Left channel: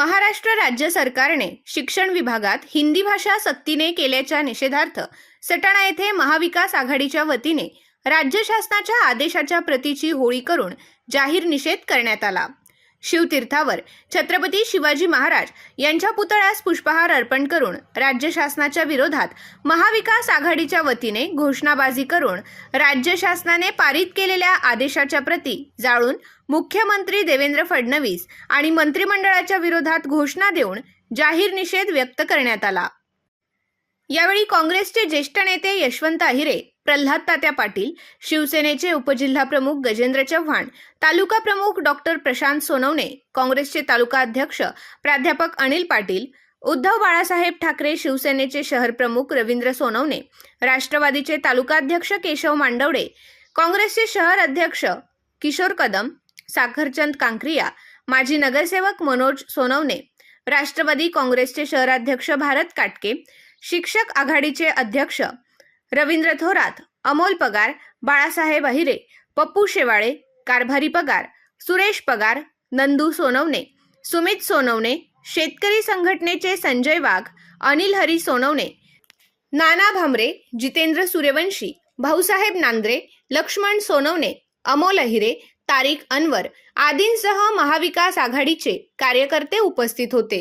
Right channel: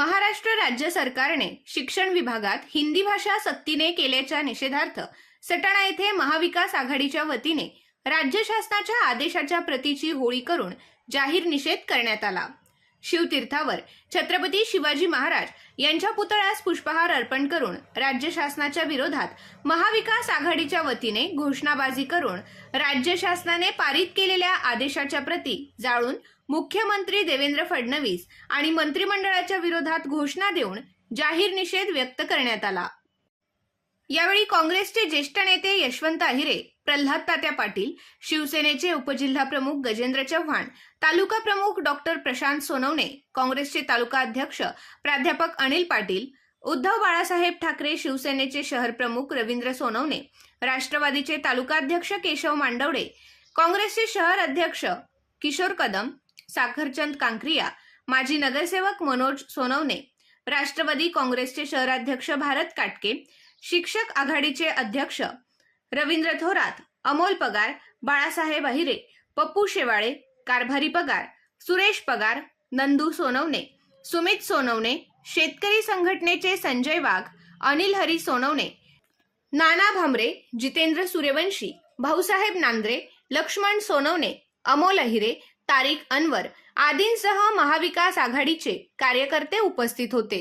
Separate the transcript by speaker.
Speaker 1: महाराष्ट्र राज्य सरकारने शिक्षण विभागात हिंदी भाषा सक्तीने केल्याच्या निषेधार्थ सटाणा येथे महाविकास आघाडीच्या वतीने राज्य शासनाच्या आदेशाच्या प्रतीची होळी करून जाहीर निषेध करण्यात आला. शिवतीर्थावर छत्रपती शिवाजी महाराज यांच्या पुतळ्यास पुष्पहार अर्पण करून राज्य शासनाच्या विरोधात महाविकास आघाडीच्या वतीने घोषणाबाजी करून राज्य शासनाने पारित केलेल्या आदेशाच्या प्रती जाळून मुख्यमंत्री देवेंद्र फडणवीस आणि मंत्रिमंडळाच्या विरोधात घोषणा देऊन जाहीर निषेध व्यक्त करण्यात आला. यावेळी काँग्रेसचे ज्येष्ठ नेते यशवंत अहिरे प्रल्हाद तात्या पाटील शिवसेनेचे उपजिल्हा प्रमुख गजेंद्र चव्हाण तालुका प्रमुख डॉक्टर प्रशांत सोनवणे काँग्रेसचे तालुका अध्यक्ष प्राध्यापक अनिल पाटील उद्धव बाळासाहेब ठाकरे शिवसेनेचे शहर प्रमुख रवींद्र सोनवणे राष्ट्रवादीचे तालुकाध्यक्ष केशव मांडवडे काँग्रेसचे शहर अध्यक्ष किशोर कदम साखरचंद कांक्रिया माजी नगरसेवक मनोज सोनवणे राष्ट्रवादी काँग्रेसचे शहराध्यक्ष भारत काटके शिक्षक आघाडीचे अध्यक्ष रवींद्र थोरात अमोल पगार बाळासाहेब अहिरे पप्पू शेवाळे कारभारी पगार सुरेश पगार नंदू सोनवणे सुमित सोनवणे शेतकरी संघटनेचे संजय वाघ अनिल हरी सोनवणे नाना भामरे जितेंद्र सूर्यवंशी भाऊसाहेब नांद्रे लक्ष्मण सोनवणे अमोल अहिरे तारिक अनवर आदींसह महाविकास आघाडीचे कार्यकर्ते उपस्थित होते.